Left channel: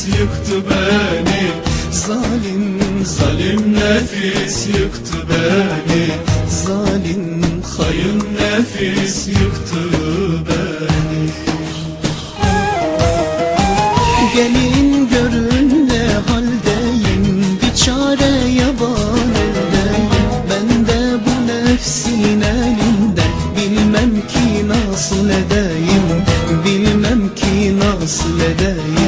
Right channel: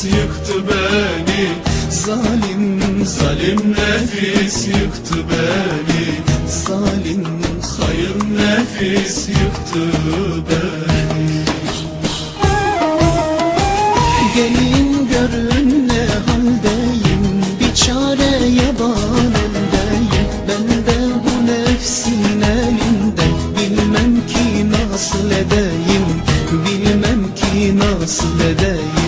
nefis yıktı beni. Zalim, Zalim nefis yıktı beni. Zalim Hayır nefis yıktı beni. Gelin görün ne haldeyim. Bir çareye bağlıdayım Ben de bu nefsin elinden. Bilmem ki nasıl edeyim. Bilmem ki nasıl edeyim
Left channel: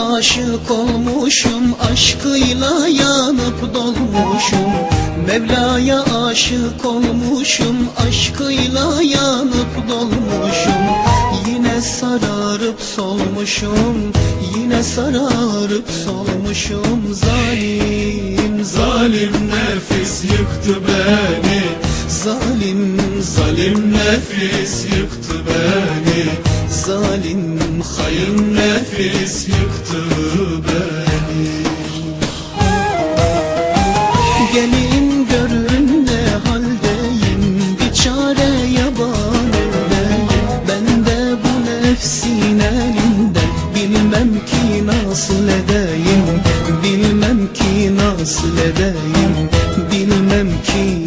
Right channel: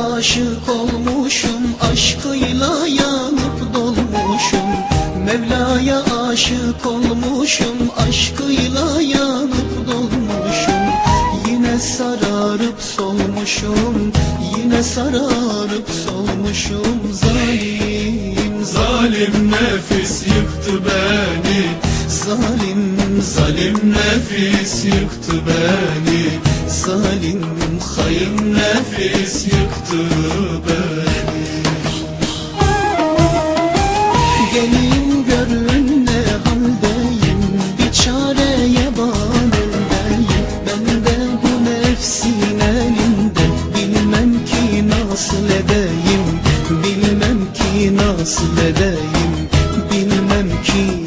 aşık olmuşum Aşkıyla yanıp dolmuşum. Mevla'ya aşık olmuşum Aşkıyla yanıp dolmuşum. Yine sararıp solmuşum Yine sararıp solmuşum. Zalim, Zalim nefis yıktı beni. Zalim, Zalim nefis yıktı beni. Zalim nefis yıktı beni. Gelin görün haldeyim. Bir çare yaban Ben de bu nefsin elinde Bilmem ki nasıl edeyim. Bilmem ki nasıl edeyim. Bilmem ki